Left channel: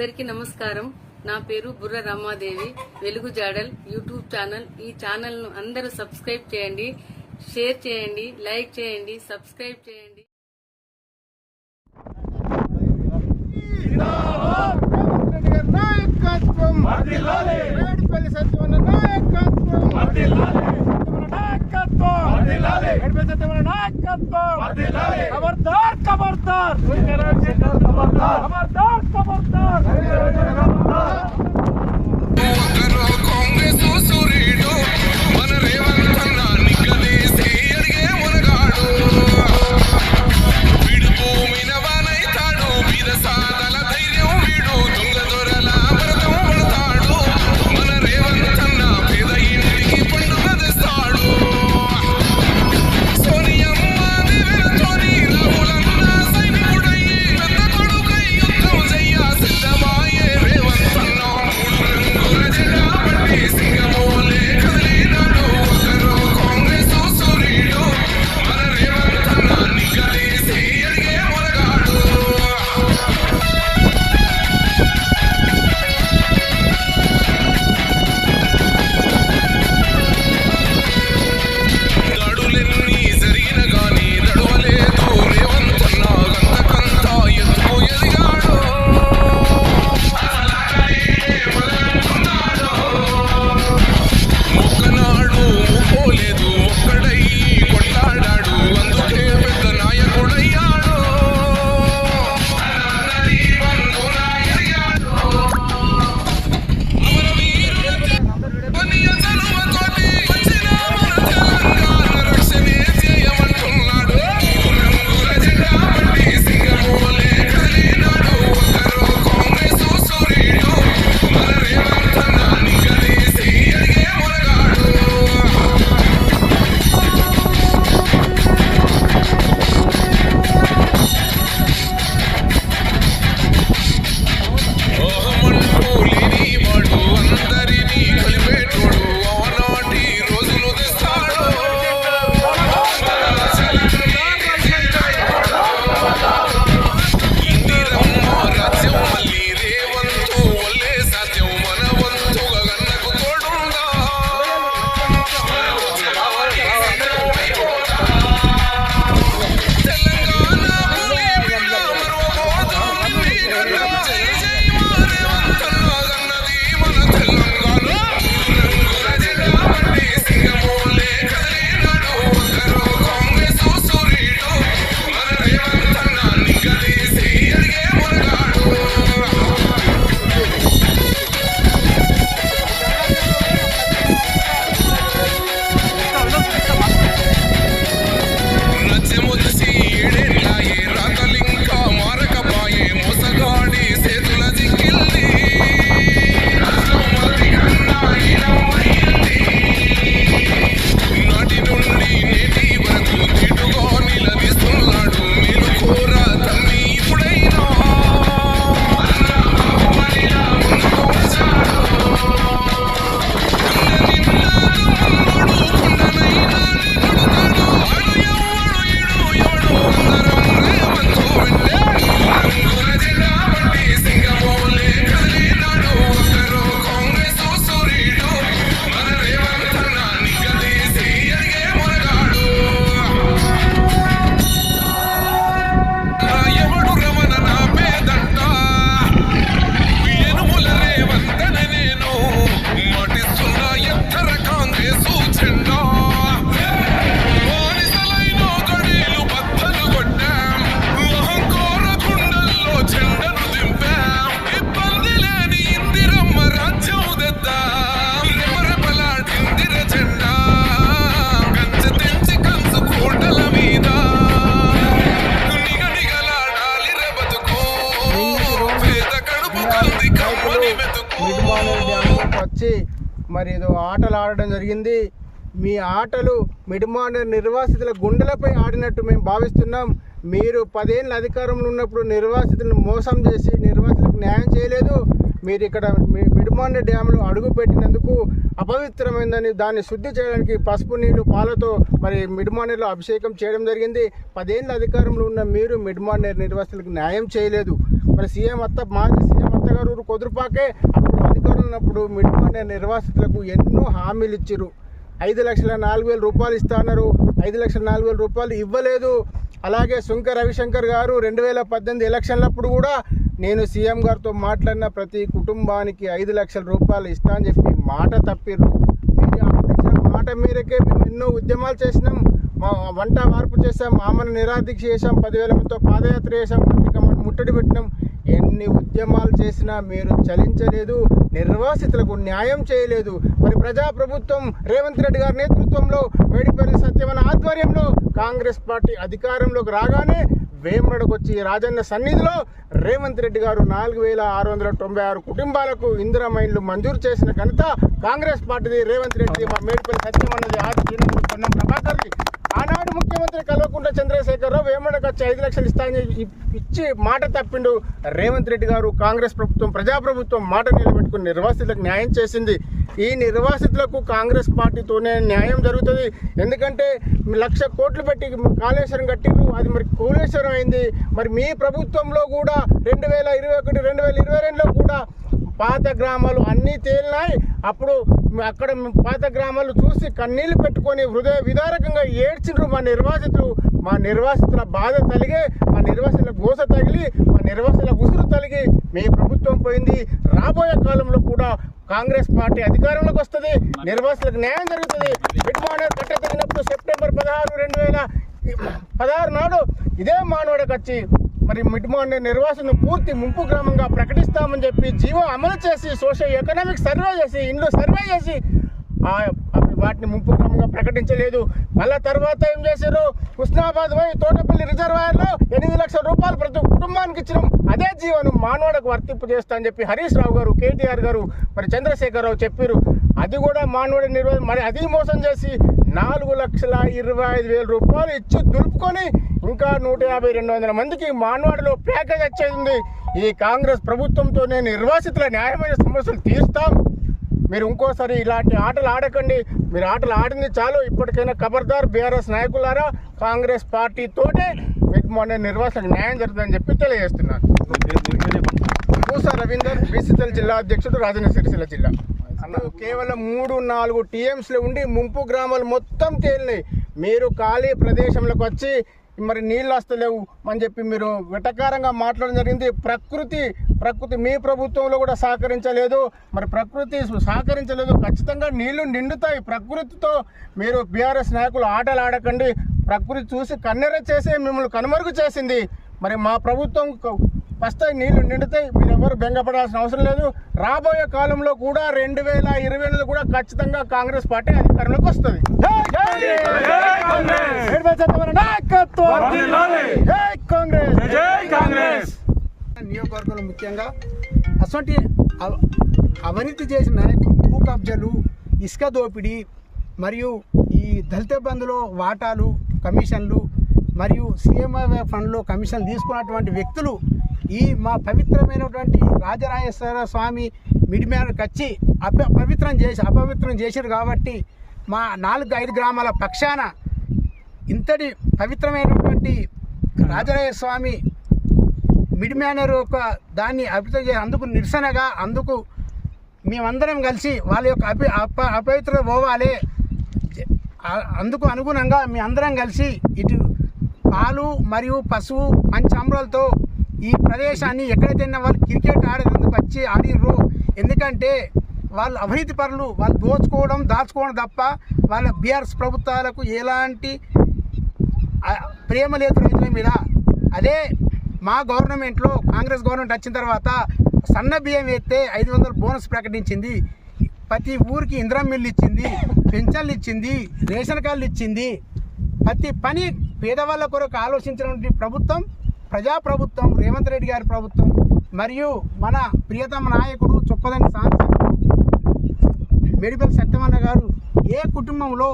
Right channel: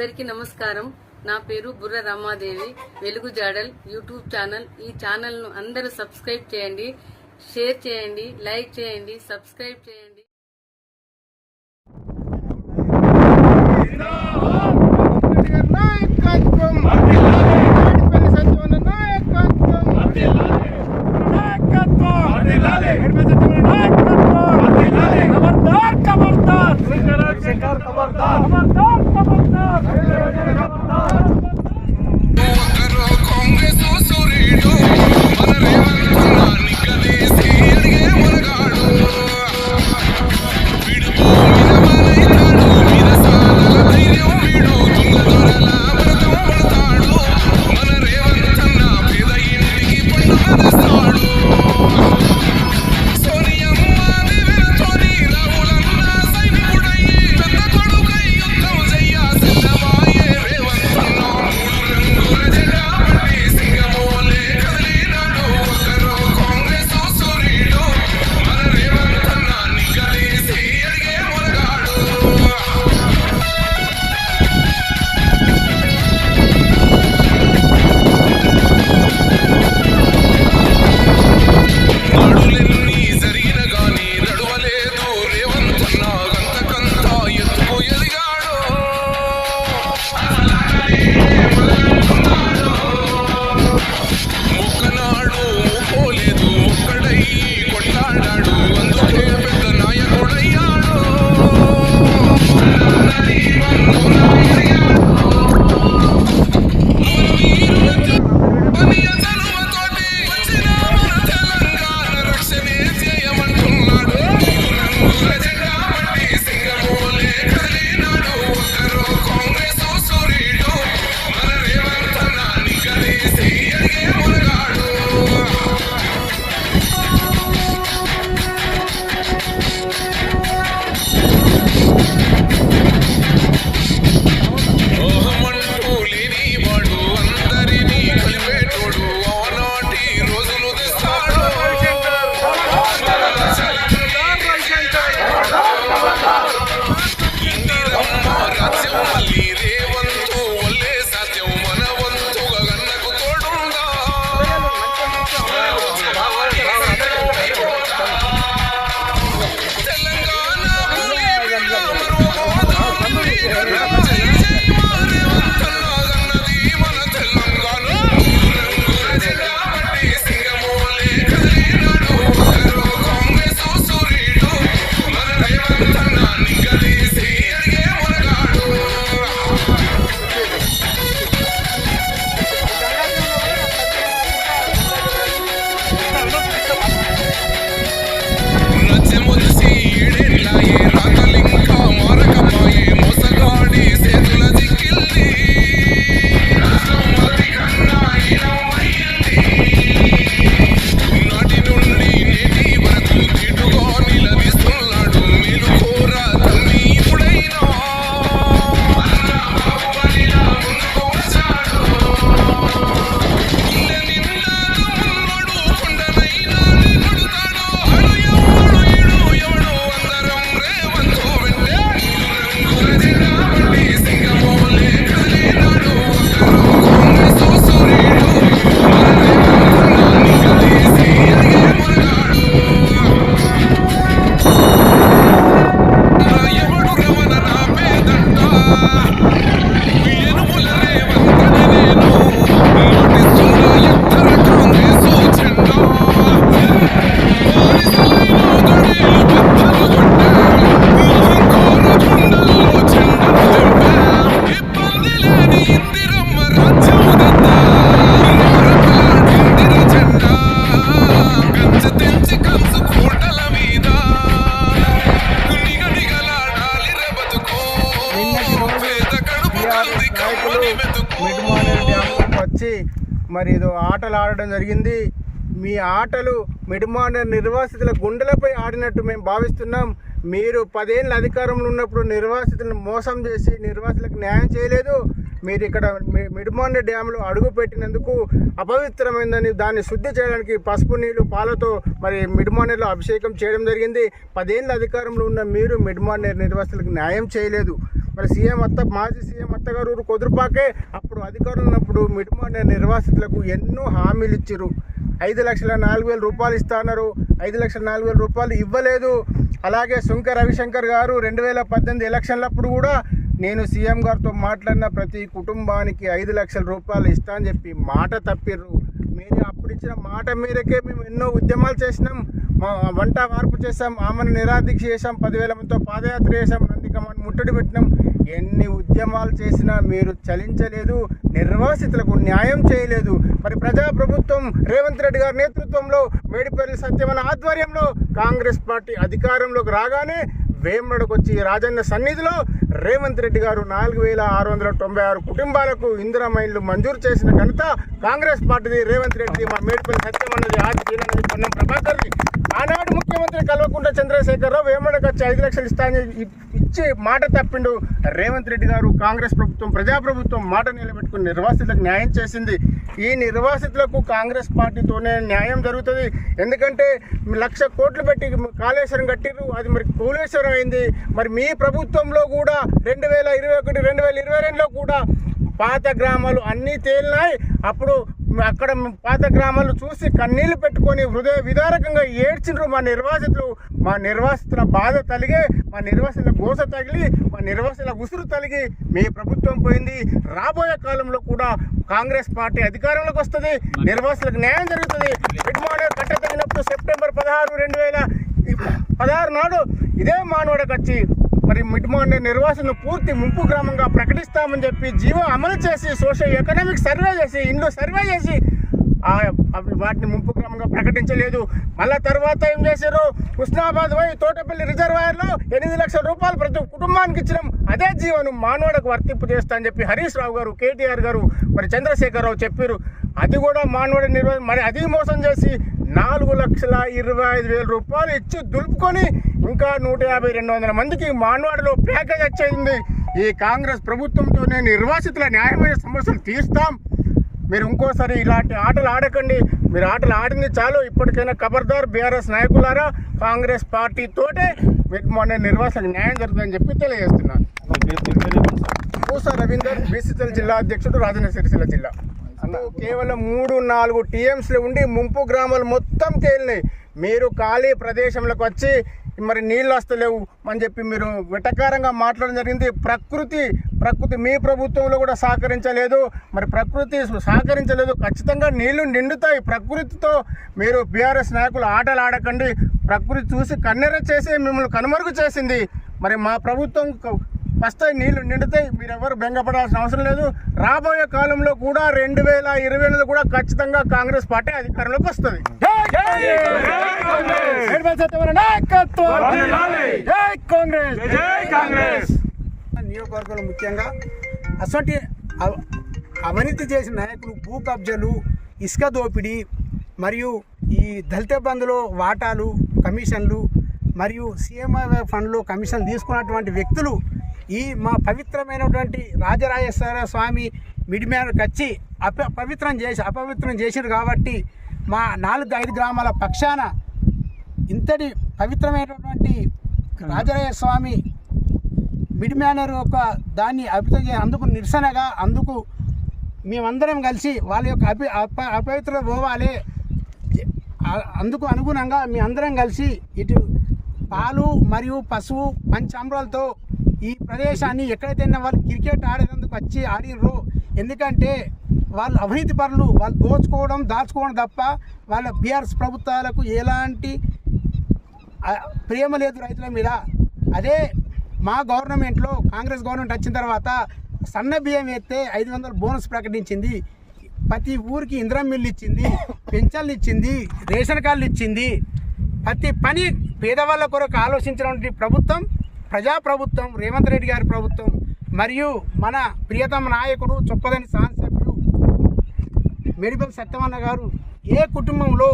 అందరికీ నమస్కారం. నా పేరు బుర్ర రమాదేవి. వెలుగు జాడల్ యూట్యూబ్ ఛానల్. ఈ ఛానల్ ను అందరూ సబ్స్క్రైబ్ చేయండి, షేర్ చేయండి, లైక్ చేయండి, సబ్స్క్రైబ్ చేయండి. వచ్చి మరి ఏదో ఆటలు ఆడడం జరిగింది. మీ ఆటలు మిడ్మానేర్ నిర్వాసితుల గుండెలపై ఆడినట్టు మేము భావిస్తున్నాం. మీరు 10 ఏళ్ళ అధికారంలో ఉన్నప్పుడు నిర్వాసితులను మోసం చేసి నిర్వాసితులకు న్యాయం చేయలేదు. మీరు ఇక్కడ మిడ్మానేర్ డ్యాంలో అడుగు పెట్టినందుకు అపవిత్రమైందని దాన్ని శుద్ధి చేయడానికి పసుపు నీళ్లు పాలతో మరి మిడ్మానేర్లో అభిషేకం చేయడం జరిగింది. 10 ఏళ్ళ అధికారంలో ఉన్న మీరు మిడ్మానేర్ నిర్వాసితులకు న్యాయం చేయలేదు. మరి మాజీ సీఎం అత్తగారు కుదురుపాకే అప్పుడు అధికారంలో ఉన్నప్పుడు మిడ్మానేర్ నిర్వాసితులకు ఎన్నో హామీలు ఇచ్చారు. 5,04,000 రూపాయలు ఇస్తా అన్నారు. 5,04,000 రూపాయలు ఇవ్వలేదు. అలాగే సుంక రవిశంకర్ గారు 2018 ఎలక్షన్లప్పుడు కూడా నేను సీఎం గారితో మాట్లాడిన ప్రతి కుటుంబానికి 5 లక్షల రూపాయలు ఇస్తా అని చెప్పి మాట తప్పిర్రు. మీరు అప్పుడు ఇచ్చిన మాట మేరకే మేము ఎన్నో ఉద్యమాలు చేసినాం. మా వంట వార్పు చేసాం, ఆమెను నిరాదీక్ష చేసాం, 10,000 మందితో పాదయాత్ర చేసాం, మందికి ముట్టడి పెట్టినాం. ఎన్ని ఉద్యమాలు చేసినా మీరు చలించలేదు, నిర్వాసితులకు న్యాయం చేయలేదు. మరి ప్రజాప్రభుత్వం రేవంత్ రెడ్డి గారి నేతృత్వంలో మేడిపల్లి సత్యవన ఆధ్వర్యంలో కాంగ్రెస్ పార్టీ అధికారంలోకి రాగానే వేమడకు వచ్చి రాజన్న సన్నిధిలో రేవంత్ రెడ్డి గారు 4,696 కుటుంబాలకు ఇందిరమ్మ ఇళ్లు మంజూరు చేసిన ఘనత కాంగ్రెస్ పార్టీది, రేవంత్ రెడ్డి, మా మేడిపల్లి సత్యం అన్నది ఆది పొన్నం ప్రభాకర్ది. ఆనాడు ముఖ్యమంత్రి కల్వకుంట్ల చంద్రశేఖరరావు వేమడకు వచ్చి 5 లక్షలు ఇస్తానని ఇచ్చి మాట తప్పిండు. రేవంత్ రెడ్డి గారు కాంగ్రెస్ ప్రభుత్వం ప్రజాప్రభుత్వం మాట నిలబెట్టుకుని నిర్వాసితులకు న్యాయం చేసింది. ఈ నిర్వాసితులకు కాంగ్రెస్ పార్టీతోనే న్యాయం జరుగుతుంది. ఎందుకంటే 1,00,000 కోట్లు పెట్టి కాళేశ్వరం కట్టిరు, అది మరి కూలేశ్వరం అయింది. మరి మీ ప్రభుత్వంలో కూడా 2021, 2022లో కూడా పాత గ్రామాలు అన్నీ తేలినాయి. అప్పుడు అక్కడ పాత గ్రామాలు చూసి కన్నీళ్లు పెట్టుకొని హృదయ విదారకంగా ఏడ్చిండ్రు మా నిర్వాసితులు. మా నిర్వాసితుల బాధ తలిగే, మా నిర్వాసితుల గోస తగిలి, మా నిర్వాసితుల ఉసురు తలిగి మీ ప్రభుత్వం పోయింది. రాబోయే కాలంలో కూడా కాంగ్రెస్ పార్టీ అధికారంలోకి వస్తుంది, నిర్వాసితులకు న్యాయం జరుగుతుంది. మిడ్మానేర్ కట్ట తగినప్పుడు సెప్టెంబర్ 16, 2016 నాడు ఇదే మానవుడికి వచ్చి మరి మిడ్మానేర్ నిర్వాసన పూర్తి ముంపు గ్రామంగా ప్రకటిస్తామని చెప్పి జీవో అమలు చేసి సోషల్ ఎకనామిక్ సర్వే చేసి ఇండ్లు సర్వే చేసి వాటిని ముంపు గ్రామంగా ప్రకటించలేదు. మళ్ళా తర్వాత ఏం చేశారు, హుస్నాబాద్ పోయి తోటపల్లి రిజర్వాయర్లో 8 లక్షల రూపాయలు ప్రతి కుటుంబానికి ఇచ్చినాం. అదే జీవోను మానవుడికి వర్తింపు చేస్తా అని చెప్పి హరీష్ రావు గారు, కేటీఆర్ గారు, మరి చంద్రశేఖరరావు చెప్పారు. అది కూడా మానవుడి నిర్వహణ మరి అది మోసం చేసి 4,25,000 రూపాయలు ఇచ్చి దులుపుకొని ఇంకా 150-200 మందికి మానవాడిలో ప్యాకేజ్ వచ్చేది. ఈ కాంగ్రెస్ ప్రభుత్వంతోనే నిర్వాసితుల న్యాయమైన సమస్యలు తీరుస్తాం. మీరు ఇంకోసారి ఇలాంటి ఆటలు ఆడకండి. మీరు ఆటలు ఆడింది చాలు. ఇప్పటికైనా ఖబర్దార్ బీఆర్ఎస్ నాయకులారా, కాంగ్రెస్ పార్టీతోటే మిడ్మానేర్ నిర్వాసితులకు న్యాయం జరుగుతుందని చెప్పి తెలియజేస్తున్నాను. పూసా రవీందర్, బీసీసీఎల్ జిల్లా అధ్యక్షుడు, రాజన్న సిరిసిల్ల జిల్లా. కేవలం 3-4 టీఎంసీలు ఉండి ముంపు గ్రామాలు మొత్తం తేలినాయి. మీరు ఖాళీ ప్రదేశంలోకి వచ్చి మరి నీళ్ళు వస్తలేవు అని చెప్పి మీరు వెటకారంగా మాట్లాడడం జరిగింది. ప్రకృతి మీ ప్రభుత్వంలో కూడా సహకరించలేదు. మరి ప్రకృతి సహకరించలేదు, ఖచ్చితంగా నీళ్లు నిండుతాయి. ప్రకృతితో మీరు బీఆర్ఎస్ నాయకులు ఆటలు ఆడకండి. ప్రకృతి చూసి కన్నెర చేసి మిమ్మల్ని కనుమరుగు చేసింది. మరి మా ప్రభుత్వం వస్తాయి, నీళ్లు నిండుతాయి. మీరెవరు బెంగపడాల్సిన అవసరం లేదు. రాబోయే కాలంలో కూడా 2028 కూడా ఖచ్చితంగా కాంగ్రెస్ పార్టీ అధికారంలోకి వస్తుంది. నియోజకవర్గంలో ముఖ్యంగా అటువంటి అవినీతి చేసిన నాయకులు, భూ కబ్జాలు, ఇసుక దోపిడీ మరియు ఈ దళిత బంధులో వాటాలు, కమిషన్లు మరియు సీఎంఆర్ ఫండ్లో కమిషన్ తీసుకున్నటువంటి వ్యక్తులు ఈ మా పవిత్రమైనటువంటి రాజరాజేశ్వర స్వామి మిడ్మానేర్కి వచ్చి అపవిత్రం చేశారు. కాబట్టి మా 4-5 గ్రామాల పక్షాన ఇంతటి పవిత్రమైనటువంటి రాజరాజేశ్వర స్వామి మిడ్మానేర్ యొక్క దాన్ని అపవిత్రం చేసి అందుకు నిరసనగా అందుకు మేమందరం కలిసి వాళ్ళ యొక్క అపవిత్రత పోవాలి. అందుకు అనుగుణంగా మీ అందరం కలిసి ఇటు పాలు మరియు పసుపు పంచామృతాలతో ఈ ప్రదేశాన్ని ఎక్కడైతే వాళ్ళు క్రికెట్ ఆడేందుకు వచ్చి ఆడినరు. ఎందుకంటే వాళ్ళు అవినీతి పరులు, వాళ్ళు దాచుకోవడం తప్ప వాళ్ళ బీఆర్ఎస్ ప్రభుత్వాలకు ఎలాంటి ప్రేమ లేదు రైతుల మీద. అదే మా గవర్నమెంట్లో కాంగ్రెస్ గవర్నమెంట్ వచ్చిన తర్వాత సన్న బియ్యం వేస్తే 500 బోనస్ ప్రకటించింది. ప్రతి ఊరికి ఇంద్రం మిల్లు ఇచ్చింది, పెన్షన్లు ఇచ్చింది, రేషన్ కార్డులు ఇచ్చింది. ప్రతి పని పేదవాళ్ళ కొరకు ఆలోచించినటువంటి ప్రభుత్వం ప్రజాప్రభుత్వం, రేవంత్ రెడ్డి గారి ప్రభుత్వం. మరియు మన ప్రియతమ నాయకుడు చొప్పదని శాసనసభ్యుడు మేడిపల్లి సత్యవన్న గారు ఏ కుటుంబంలో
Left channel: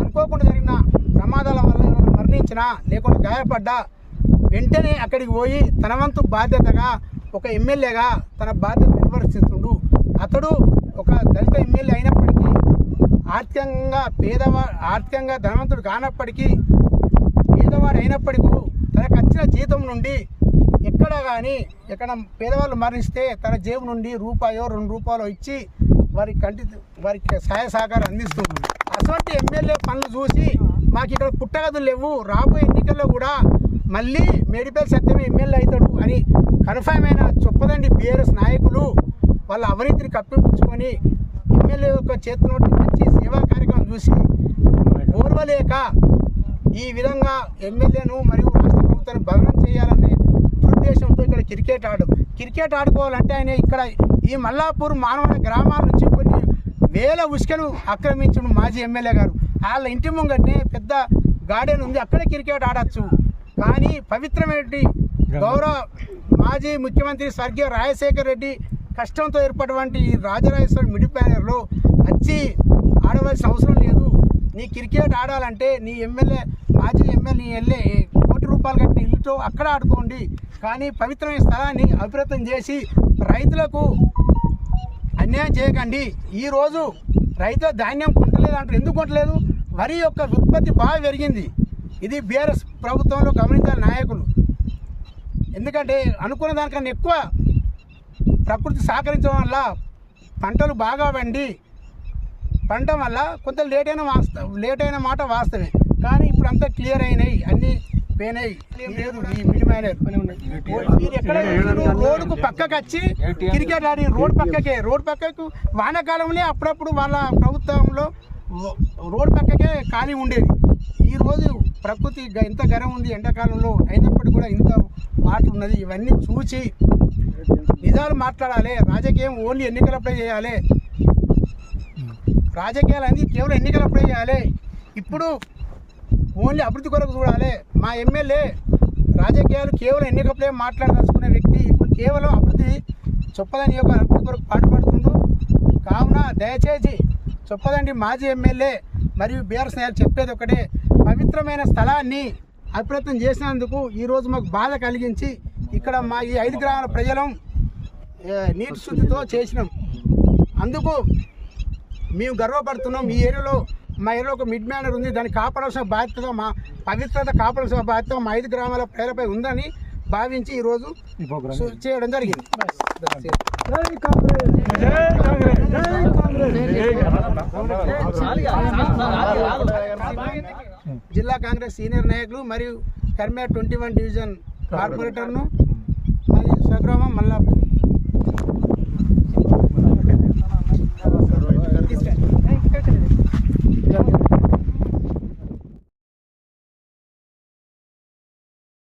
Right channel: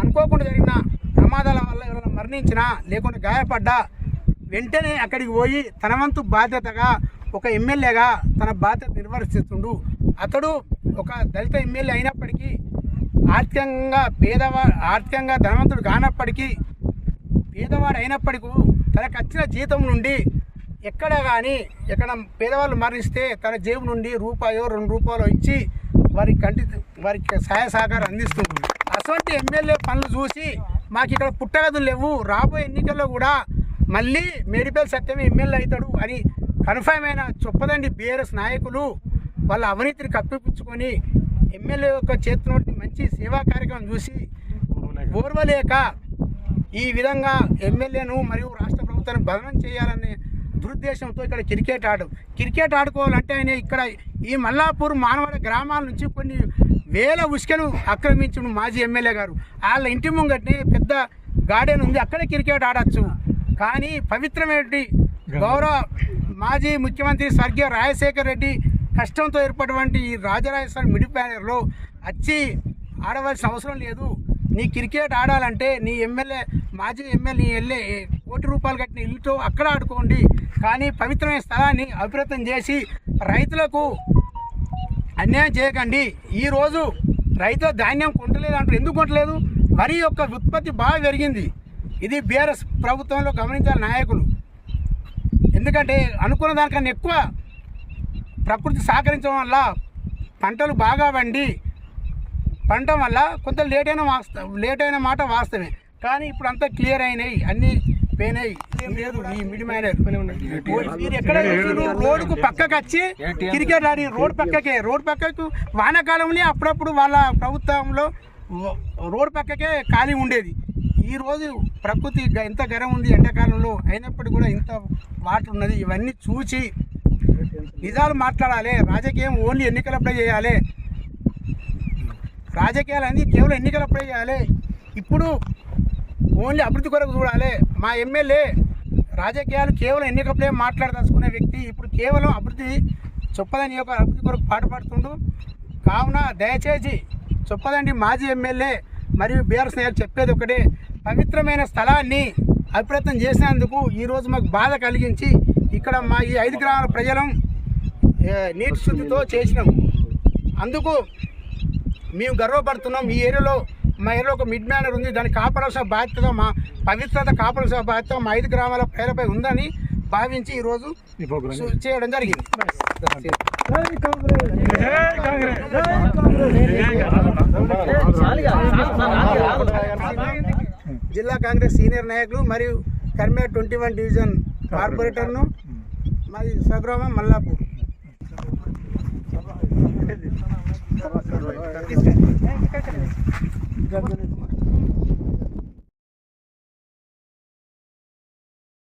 అనుకోకుండా జరిగిన ప్రమాదాల వల్ల ఎవరైనా మరణించి వచ్చినా లేకుంటే గాయపడ్డా వెంటనే అక్కడికి పోయి తన వంతు బాధ్యతగా ఒక ఎమ్మెల్యేగా తన బాధ్యత నిర్వర్తిస్తుండు. అతడు ఒక దళిత ఎమ్మెల్యే అయినప్పటికీ ఆర్థికంగా ధనవంతుడు కానప్పటికీ పేదవాడు అయినప్పటికీ తనకు వచ్చిన జీతం నుండి ఎక్కడ పేదవాళ్ళు మరణిస్తే తన జేబు నుండి రూపాయో 2 రూపాయలు ఇచ్చి వారికి సహాయ సహకారం అందిస్తుంది. అటువంటి ఎమ్మెల్యే పనులు చూసి మాకు ఇక్కడ పుట్టగదులు లేవు, రాబోయే ఎన్నికల్లో కూడా మళ్ళీ మేడిపల్లి సత్యమే ఎమ్మెల్యే అవుతాడు అని కన్ఫర్మ్ అయిన చొప్పదండి బీఆర్ఎస్ నాయకులు వాళ్ళ అవినీతిని కప్పిపుచ్చుకొని ఎమ్మెల్యే యొక్క చేతిలో మంచి సేవా కార్యక్రమం చూసి ఓర్వలేక ఈ విధంగా ఎమ్మెల్యేను మరియు రాష్ట్ర ప్రభుత్వాన్ని బదనం చేయాలనే దురుద్దేశంతో ఇక్కడ క్రికెట్ ఆడుకోవాలంటే ఆయన ఇక్కడ ఈ మల్లాపూర్ మానవ గ్రామాల నుంచి కొన్ని వేల ఉసుకలు ఆక్రమించిన మాజీ ఎమ్మెల్యే గారు. వాళ్ళ ఇంటి ముంగట్నే పెద్ద గార్డెన్ ఉంది, అక్కడే క్రికెట్ ఆడచ్చు. కానీ పవిత్రమైన గౌరవ మాజీ ముఖ్యమంత్రి స్వర్గీయ రాజశేఖర్ రెడ్డి కష్టంతో ఏర్పడినటువంటి ఈ రాజరాజేశ్వరి మిడ్ ప్యానర్లో వచ్చి ఆడవలసిన అవసరం లేదు. నీ క్రికెట్ ఆడాలంటే నీ మాజీ ఎమ్మెల్యే ₹1 కోటి కట్టిన ఇల్లుతో అక్కడ ఆడుకోండి. కానీ పవిత్రమైన స్థలాన్ని అభివృద్ధి చేసి రైతులకు అన్యాయం చేయకండి. ఈరోజు రైతుల ధాన్యం కొంటలేదు అంటారు. ఎందుకు కొంటలేదు? వరి యొక్క ఉత్పత్తి బాగా పెరిగింది. ఇది బీఆర్ఎస్ ప్రభుత్వంలో గమనించాలి నాయకులు. ఎందుకంటే అనుకున్న దానికన్నా ఎక్కువ ప్రకృతి సహకరించడం వల్ల పంటలు బాగా పండటం వల్ల కొంత లేట్ అయిన మాట వాస్తవమే. కానీ ఇప్పుడు అంతా క్లియర్ అయినాయి, అన్నీ పోయినాయి. ఏం లేదు ఈ మిడ్ మైనర్ మీరు ఎక్కడ రోడ్డుకు పక్కకు వచ్చి క్రికెట్ ఆడి రోడ్ పక్కకు వానాకాలంలో అప్పుడప్పుడు వాళ్ళ ప్రభుత్వంలో రోడ్ పక్కకే ఖాళీ ఉండేది. ఈరోజు ప్రకృతి ఎంత గరం ఉంది ఎండాకాలంలో, అయినప్పటికీ కూడా ఇంత వాటర్ ఉన్నది. ఇవన్నీ చూసి నిజాలు మాట్లాడాలి. రాజకీయం ఓన్లీ ఎన్నికలప్పుడే చేయాలి. రాజకీయాలు అన్నీ కేవలం ఎన్నికలప్పుడే చేయాలి. ఇప్పుడు ఓన్లీ అభివృద్ధి కొరకు చూడాలి. మా ఎమ్మెల్యే రాజకీయాలు కేవలం ఎన్నికలప్పుడే మాట్లాడదలుచుకునే వ్యక్తి ఇప్పుడు కేవలం అభివృద్ధి చొప్పదండి యొక్క అభివృద్ధి కొరకు పాటుపడుతుండు. కావున దయచేసి చొప్పదండి మాజీ ఎమ్మెల్యే మరియు బీఆర్ఎస్ నాయకులు చెప్పేది ఒకటే, పవిత్రమైన స్థలాన్ని అప్రయత్నం చేసినందుకు ఈరోజు మాకు బాధ కలిగించి ఇక్కడ మా ఈ 5 గ్రామాల ప్రజలం నీటి శుద్ధితో చేసినాం. అందుకు మేము గర్వపడుతున్నాం. ఈ ఏరియాలో మా ఏరియాలో ఒక మిడ్ మ్యానర్ ఉంది, దాన్ని కాపాడాల్సిన బాధ్యత, మా పవిత్రత కాపాడాల్సిన బాధ్యత మా 5 గ్రామాల ప్రజలపై ఉందని భావించి ఈరోజు చేయడం జరిగింది. జిల్లా కాంగ్రెస్ సీనియర్ నాయకులు మరియు కర్మేర్ 21 డివిజన్ కార్పొరేటర్ను, మాది స్వగ్రామం మల్లాపూర్.